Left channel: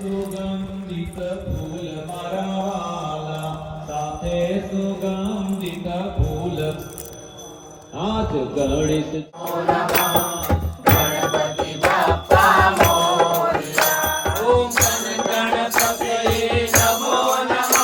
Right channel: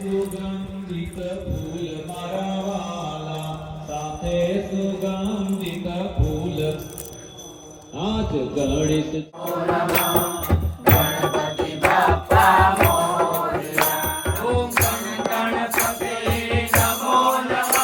સુગંધિત ફૂલ મારા વાલા, સાથે સુગંધિત ફૂલ આજ ગણિત ગણપતિ બાપ્પા મોરયા. ઓમ ગણપતયે નમો નમઃ.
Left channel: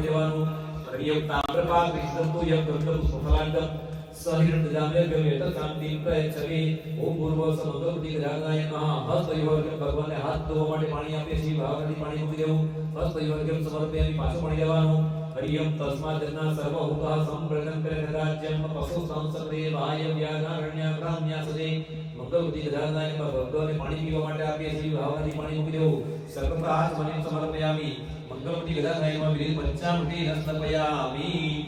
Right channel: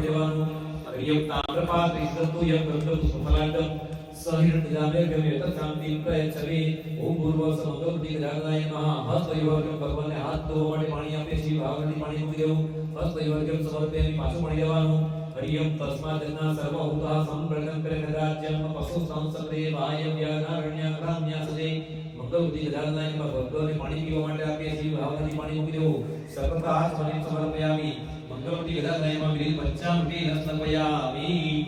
દેવાનું હરિયમ તામ્રપાદ વિષ્ણુ યમ ગંધમ સુફલાંડમ સહિત જામે ગમે તત્રાંતિ પ્રયચ્છવે. ઓમ પૂર્વ સમગતિ ગજાનનાય નમઃ. હસ્તયોગમ ભગવાનને હાથ ધોવા માટે પાણી આપે છે. ભાગવતી પાણી મૂકી દેવું. હસ્તયોગમ સમર્પયામિ પાછું પાણી દેવાનું. હરિયમ તસ્માદ જન્ના સર્વભૂતા સંપ્રજન કરે રાજ્યમ પશુ સંસદે વાય વ્યાનારણ્ય ગ્રામ્યાસદે. મંગલવતી ગજાનનાય નમઃ. ભગવાનને પાણી પીવા માટે આપે છે. ભાગવતી પાણી મૂકી દેવું. સર્વત્ર હાથ મને સમર્પયામિ. મંગલવતી ગજાનનાય નમઃ. વિધિ પંચામૃતિ રસનપયામિ.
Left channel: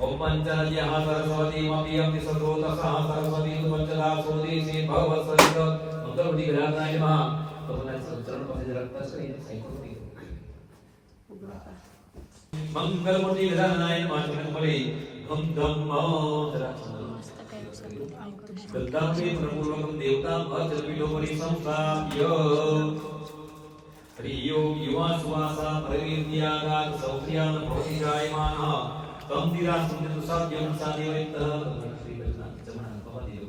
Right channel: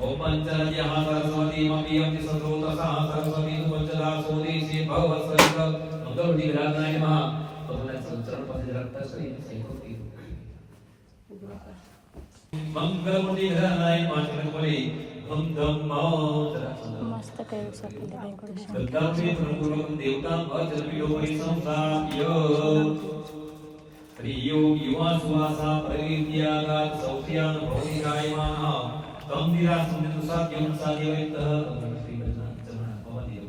ओम पंचनद्यः सरस्वती मपियं सदोतसः सरस्वती सुपंचदा सोदेशे भवस्वरित मंगलवती गजाननाय नमः. भगवान चरण पर रखता करिए साइकोटी मंगलवती गजाननाय नमः. चरण पर हम धम्मो मस्त कयो सत्य बलदामी पूर्वकम देवता अजलपिलो परि संस्थाप्य. हरियो युवा सुवासा परिविद्यागात सौख्यान भवति जायमानः. तंदिरा संदित साध्यम साध्यवैत श्री कृष्ण चरण भवदेव.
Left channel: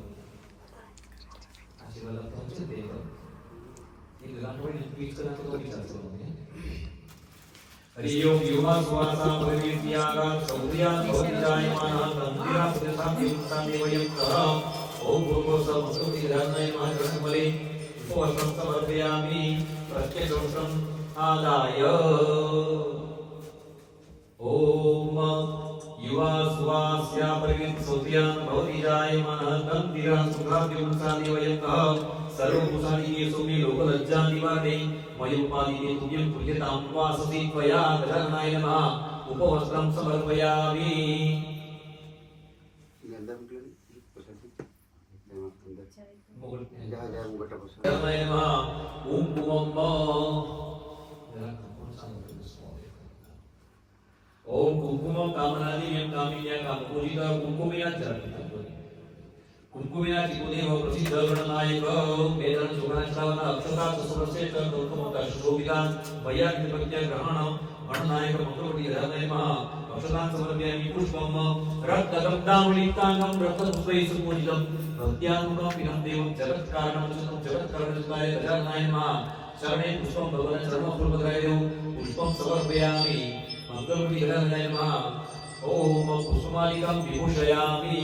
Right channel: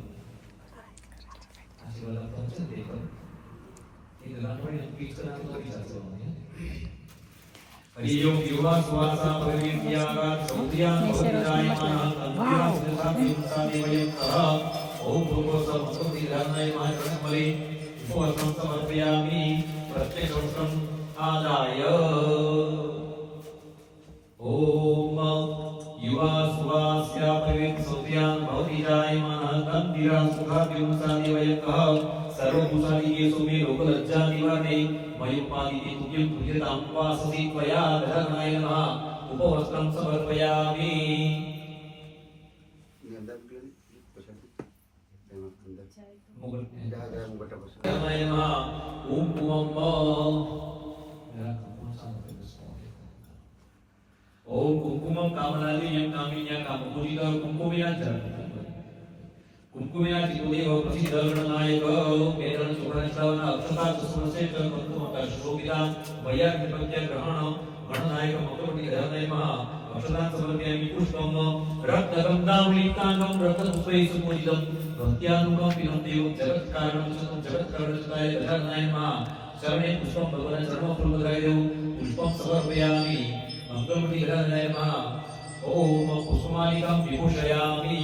आशीर्वाद पहुंचे देव एक लाटवणी ट्वीट करतो तो विचारतो म्हणजे हरिओम युवा सुवासा परिविद्यागा सौर्यान भवतिजायमानः. तंदिरा संदित साध्यम साध्यवैत. ओम भूर्भुवः भगवती गजाननाय नमः. चरणमले उपवर्षं समर्पयामि. प्रत्यक्षं आदाय ओम युवा सुवास्या परिवित सुत्यां भवति जायमानः. तंदिरा सुखाभ्यं साधिवयकः. सर्वभूतादिकेषु मे लोकलज्जा निवारणे. मयोपादिते तुभ्यं पूज्यतां वासति त्वया गजाननाय नमः. उपवस्त्रं समर्पयामि. गजाननाय नमः. ओम ओम कुंकुमं कामनादिन्यं कामिन्यं कामपूजितं कुंकुमिना चरणं. कुंकुमिना चिकुदेव प्रसिद्ध गणनायक. वेदन सुगणश्रवण अक्षता सुरसेट कुंकुमता शोभिता. वैयाक प्रत्यग्रहण गणनायक मंगलवती गजाननाय नमः. अक्षतां समर्पयामि. पुष्पं रक्तगन्धावलिकानं रत्नपुष्पैः सुपूजितं. भक्त्यानुगं विनं देवं जगत्कारणं जगत्कारणयुक्ताय गजाननाय नमः. शरणे पुष्पं भगवान् चरणपूर्वकाय देव पुष्पं समर्पयामि. मंगलवती गजाननाय नमः. ओम पुष्पमालिकां विभूषयामि.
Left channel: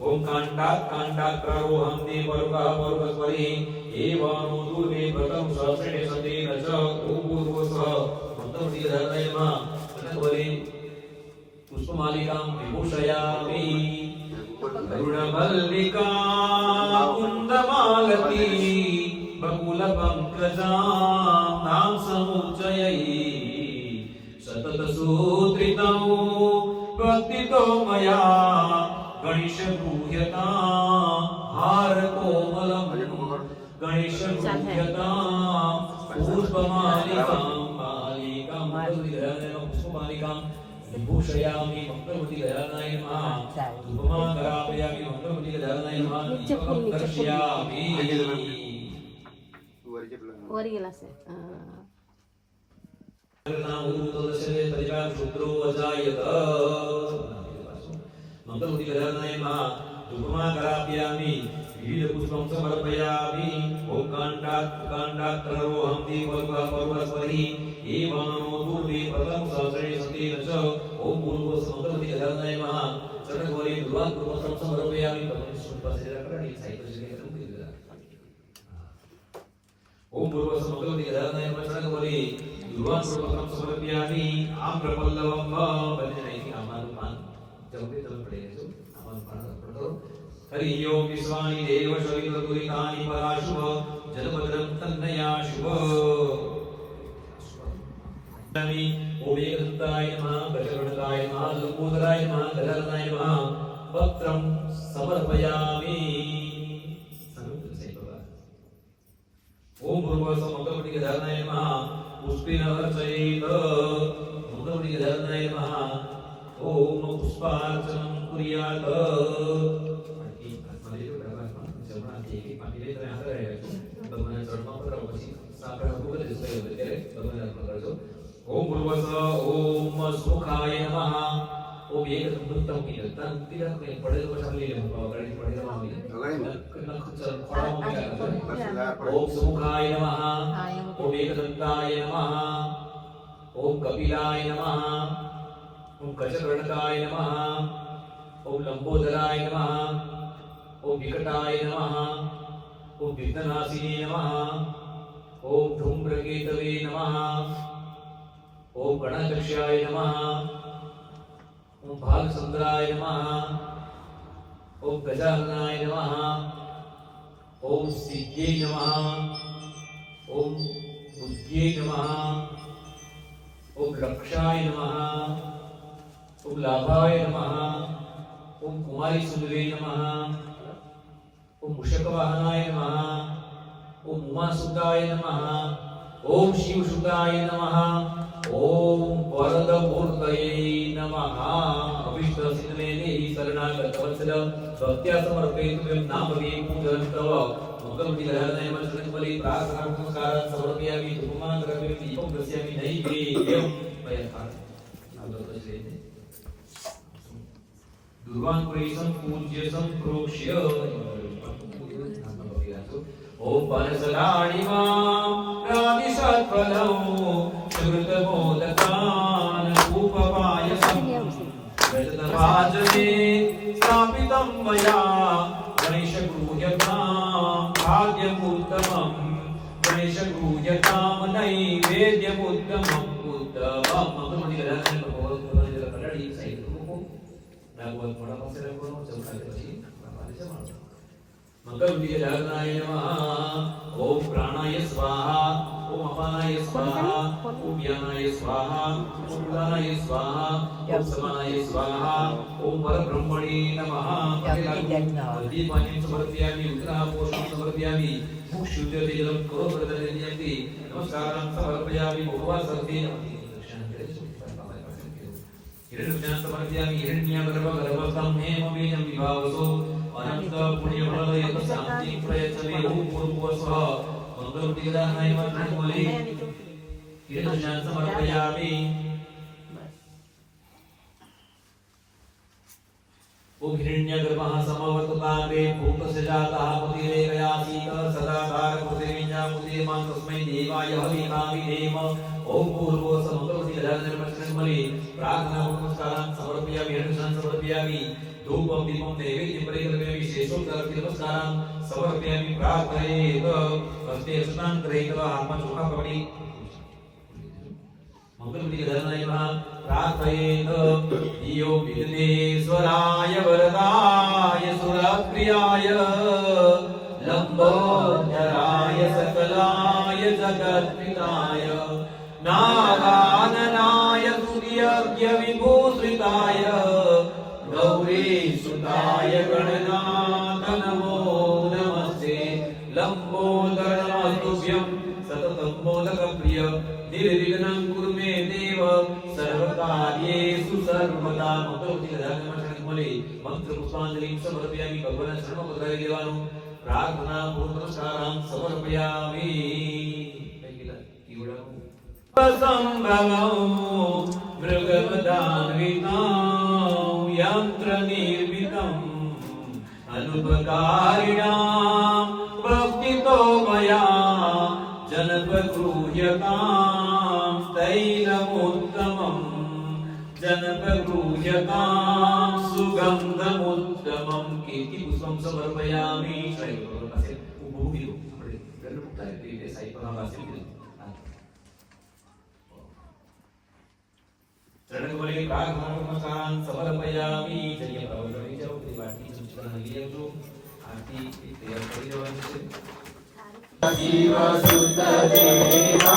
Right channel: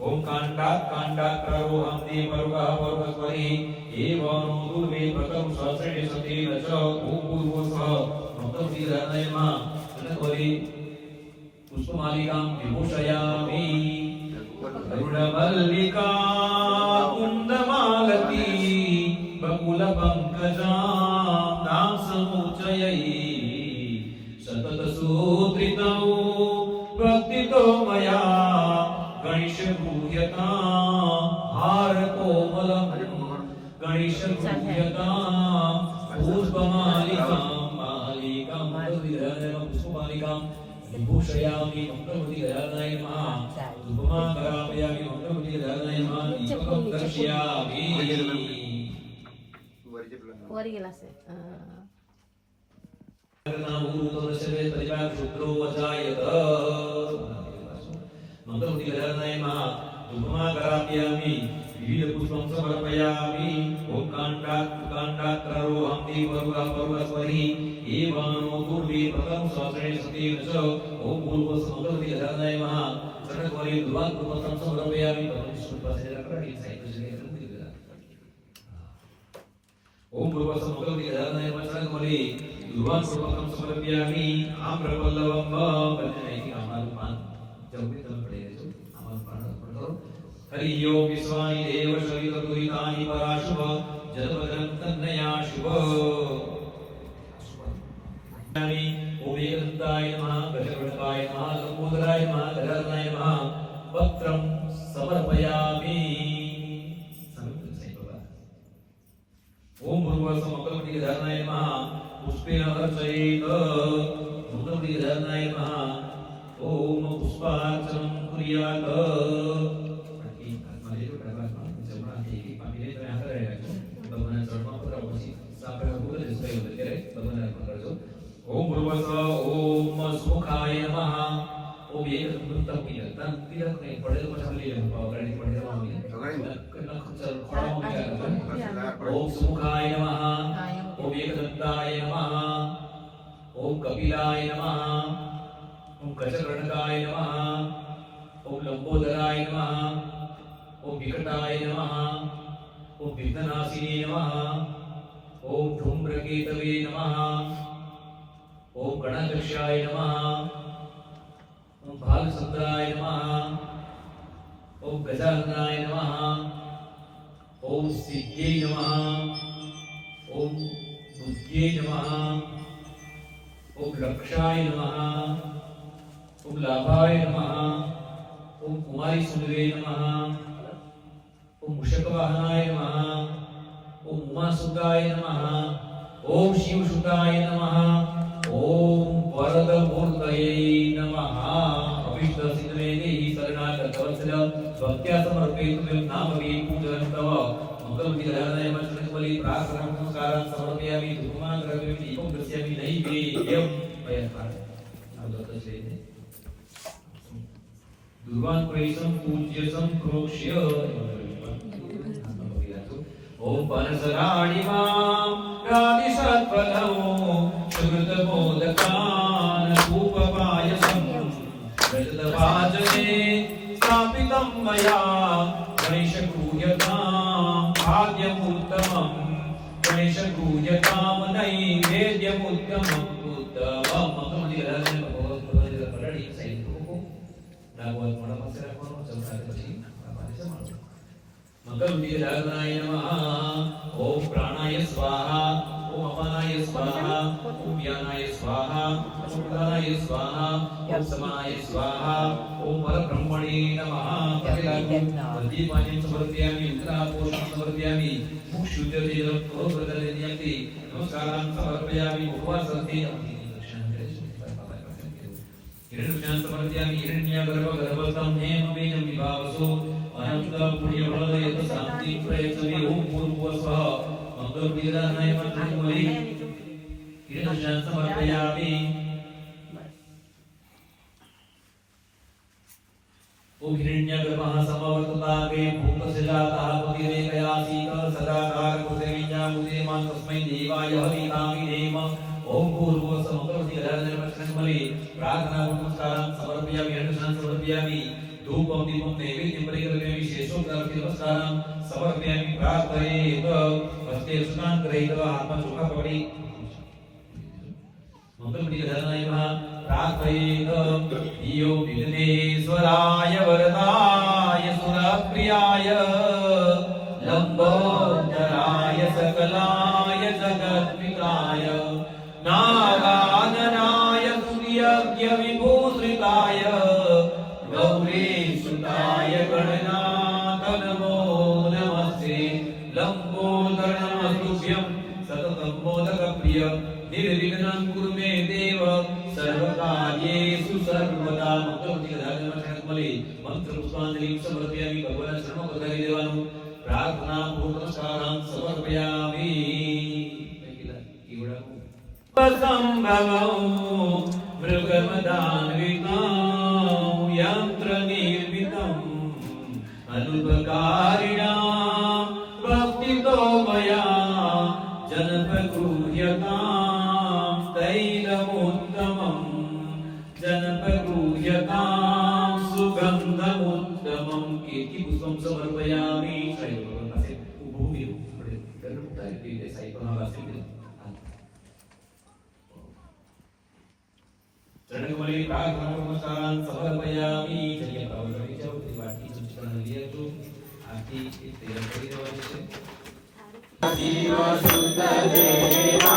ओम कांडाक्रारोहं देवलोकः पर्वतवरे. एवं दुर्गे व्रतं सहस्रेण सतेन च. ओम पूर्वसः मंगलवती गजाननाय नमः. चरणवरे पुष्पमालिकां विभूषयामि. अरुणमल्लिका कुन्दमालती बकुलपङ्कजां नाम समुच्चयै. सततसूत्रितं भक्तितो मया गणेशगुह्यतां. हारकोमलं गणेशगुह्यतां. पुष्पमालिकां मालिकां पुष्पमालिकां विभूषयामि. मंगलवती गजाननाय नमः. धूपमां करापयामि. मंगलवती गजाननाय नमः. दीपकं दर्शयामि. वर गेला असेल. मंगलवती गजाननाय नमः. धूपमां करापयामि. विविध पुष्पं समर्पयामि. ओम कांडाक्रारोहं देवलोकः पर्वतवरे. एवं दुर्गे व्रतं सहस्रेण सतेन च. ओम पूर्वसः मंगलवती गजाननाय नमः. चरणवरे दुर्वापुष्पं समर्पयामि. ओम पूर्वसः मंगलवती गजाननाय नमः. चरणवरे दुर्वापुष्पं समर्पयामि. आम्रपल्लवं बलिनैति आमारूपान् जपे तम पड़ेगा आमारूपान् पढ़ो. हरि ओम विश्वानि देव शरीरपुरितानि पराशुभ. जन्मजन्म तन्नया शुभ. ओम एकदन्ताय नमः. गजगणकाय नमः. लंबोदराय नमः. गजाननाय नमः. पत्रं समर्पयामि. ओम भूर्भुवः मंगलवती गजाननाय नमः. पुष्पेण अर्चयेत. मंगलवती गजाननाय नमः. ओम पुष्पार्चनं कुर्यात्. ओम भूर्भुवस्सुः ओम सुमुखाय नमः ओम एक तम की तन तिरक में पड़े तो बचा ले गाड़ी पड़े रहा होगी कन्ना खचर खड़ा हो गया ओम सुमुखाय नमः ओम एकदंताय नमः ओम कपिलाय नमः ओम गजकर्णकाय नमः ओम लंबोदराय नमः ओम विकटाय नमः ओम विघ्ननाशिने नमः ओम धूम्रकेतवे नमः ओम गणाध्यक्षाय नमः ओम भालचंद्राय नमः ओम गजाननाय नमः ओम सिद्धे नमः ओम बुद्धे नमः ओम लक्षाय नमः ओम लाभाय नमः ओम कुमारी सुंदरे नमः ओम मुषकवाहनाय नमः ओम उमासुताय नमः ओम शिवसुताय नमः ओम वरदमूर्तये नमः अभीष्ट सिद्धे देहि शरणागत वत्सल भक्त्या समर्पयितुं नामवे पूजयन्तव मंगलमूर्ति गजाननाय मंत्रबली प्रार्थना नमस्कारं समर्पयामि धूपमान द्रव्यं दीपं दर्शयामि नैवेद्यं मयंकार दुर्वान् प्रैसं पूज्यसं प्रोक्ष्य ओम पनसलाणिमां राधिसत्फलौ श्रुतमोदकान् धूपपायसं रजतभाजने स्थापितं मया गणेशगृह्यतां भाग्यमुत्तमं गणेशगृह्यतां नैवेद्यमुत्तमम् उत्तमं मंगलमूर्ति गजाननाय कडाड़ी साइड को नागवत मोड़ा पासे રાખવાનો ચમકાય પછી પાછે જવાનું मंगलमूर्ति गजाननाय नमः ओम प्राणाय स्वाहा ओम अपानाय स्वाहा ओम ज्ञानाय स्वाहा ओम उदानाय स्वाहा ओम समानाय स्वाहा ओम परब्रह्मणे नमः दीपानि समर्पयामि उत्तरापोषणं समर्पयामि मुक्षुद्यते करोप्रदयन्ति नमस्कारं समर्पयामि उपवासन्ति हिरण्यं समर्पयामि हिरण्यगर्भगर्भं हेमवेनं विभावसो अनंत पुण्यफलदयत शांति प्रयत्ने ओम भूर्भुवस्सुः मंगलमूर्ति गजाननाय मंत्रबली हिरण्यं समर्पयामि ओम हिरण्यगर्भः समवर्तताग्रे भूतस्य जातः पतिरेकयासीत सदाकार पृथिवीञ्जामुदे मां तस्मै देवाय हविषामि देव ओम भूर्भुवस्सुः मंगलमूर्ति गजाननाय मंत्रबली प्रार्थना नमस्कारं समर्पयामि हिरण्यं समर्पयामि धूपं दीपं नैवेद्यं परिकल्पयामि शेषोक्तार्थे नमस्कारं समर्पयामि प्रार्थयेत हस्ते स्नानं कृत्वा आत्मा सुखा पकड़ी मंगलमूर्ति गजाननाय नमः प्रार्थयेत यो विघ्नेश्वराय वरदाय सुरप्रियाय लंबोदराय सकलाय जगत्पिताय नागाननाय तुर्यज्ञ विभूषिताय गौरीसुताय गणनाथ नमो नमस्ते लंबोदर नमस्तुभ्यं सततं मोदकप्रिय निर्विघ्नं कुरु मे देव सर्वकार्येषु सर्वदा मंगलमूर्ति गजाननाय मंत्रबली मंत्रपुष्पांजलिं समर्पयामि भगवान् शरणोपद्रवी देवानुं प्रार्थना पूर्वनमस्कारं समर्पयामि संभवं मृगमदान्वितं यन्त्रनिर्मितम् अनुपकारिणां भक्तितो मया जनपगृह्यतां तैलमुत्तमं जनपगृह्यतां सुगन्धमुत्तमं कीर्तिपुष्पं समर्पयामि चरणकमले प्रार्थना नमस्कारं समर्पयामि चलिए प्रभु रवि जाओ तेरी बाटी संस्करण लिया जो आरती तैयार कर देवानी છે शिव सुत देवा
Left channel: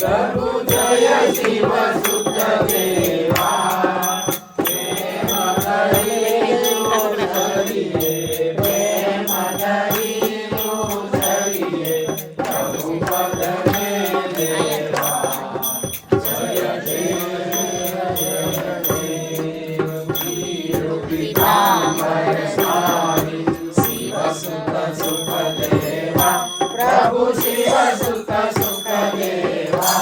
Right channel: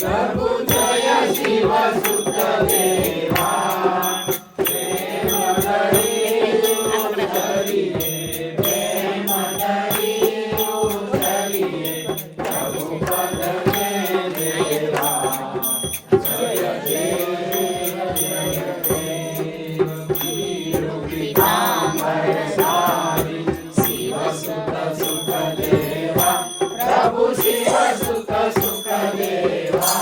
प्रभु जय शिव सुत देवा प्रेम करिए प्रेम करिए प्रभु पद में देवा जय शिव सुत सुख देवा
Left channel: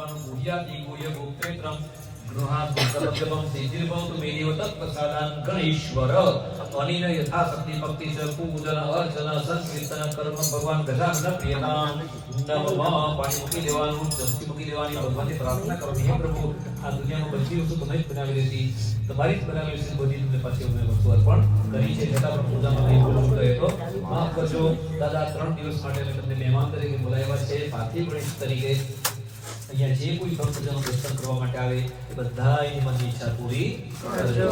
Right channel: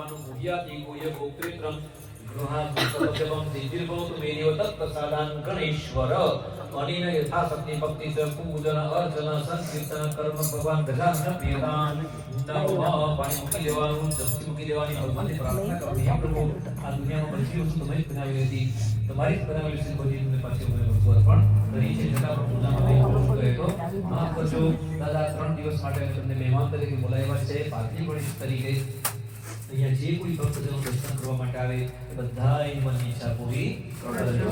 ભગવાન ગુહ્યાતિ ગુહ્ય ગોત્રેત્રમ ગૃહાત્મકજપમ સિદ્ધિર્ભવતુ મે દેવ તત્પ્રસાદાન ગણેશ્વર અનિન યથાશક્તિ ભક્તિ ચ પૂજન અર્ચન સંકીર્તન કર્મ ભગવાન ગજાનન પ્રિયતામ નમઃ પણમુખી દેવાનું દસ્તી દેવાની ભગવાનની પ્રાર્થના કરવાની હે પ્રભુ આ દુનિયામાં બધી વસ્તુ તમે જ બનાવી હતી તમારી જ બનાવેલી છે બધી તમે પાછી અમે વસ્તુ અર્પણ કરી છે છતાં પણ પૂજામાં કંઈ ભૂલ ગયો તો માફ કરજો દાદા 3 દિવસ માટે અમે તમને મહેમાન તરીકે બોલાવ્યા છે પાર્થિવ ગણેશ તરીકે અહીંયા જે કોઈ ભક્તજનો દર્શન કરવા માટે આવે એ બધાની મનની ઈચ્છા પૂરી કરજો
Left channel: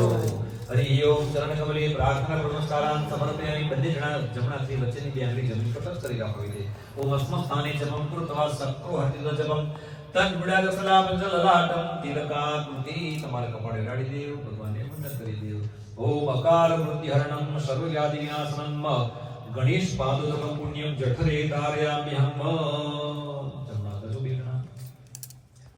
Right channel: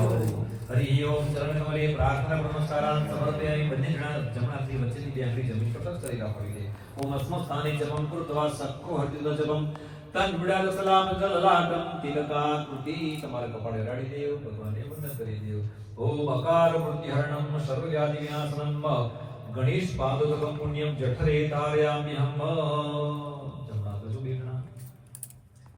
હરિ ઓમ ચરણ કમલી પ્રાર્થના નમસ્કારાન સમર્પયામિ બંને જણા જમણાથી વચ્ચેની બે આંગળી જમીન પર ટચ કરી રાખવી છે ઓમ અસ્મત સ્થાને જપમ કૃત્વા સક્રો હરિદો જપમ તન બુડાદ સલામ લલાટમ તિલકા કૃતિ તમારે કપાળે રાડી દેવ ભગવાનને વંદન કરી દેવ ઓમ અકાર મૃત્યુહરણમ સર્વવ્યાધિ વિનાશનમ ગણેશ પાદોદકમ પુણ્યમ જઠરે ધારયામ્યહમ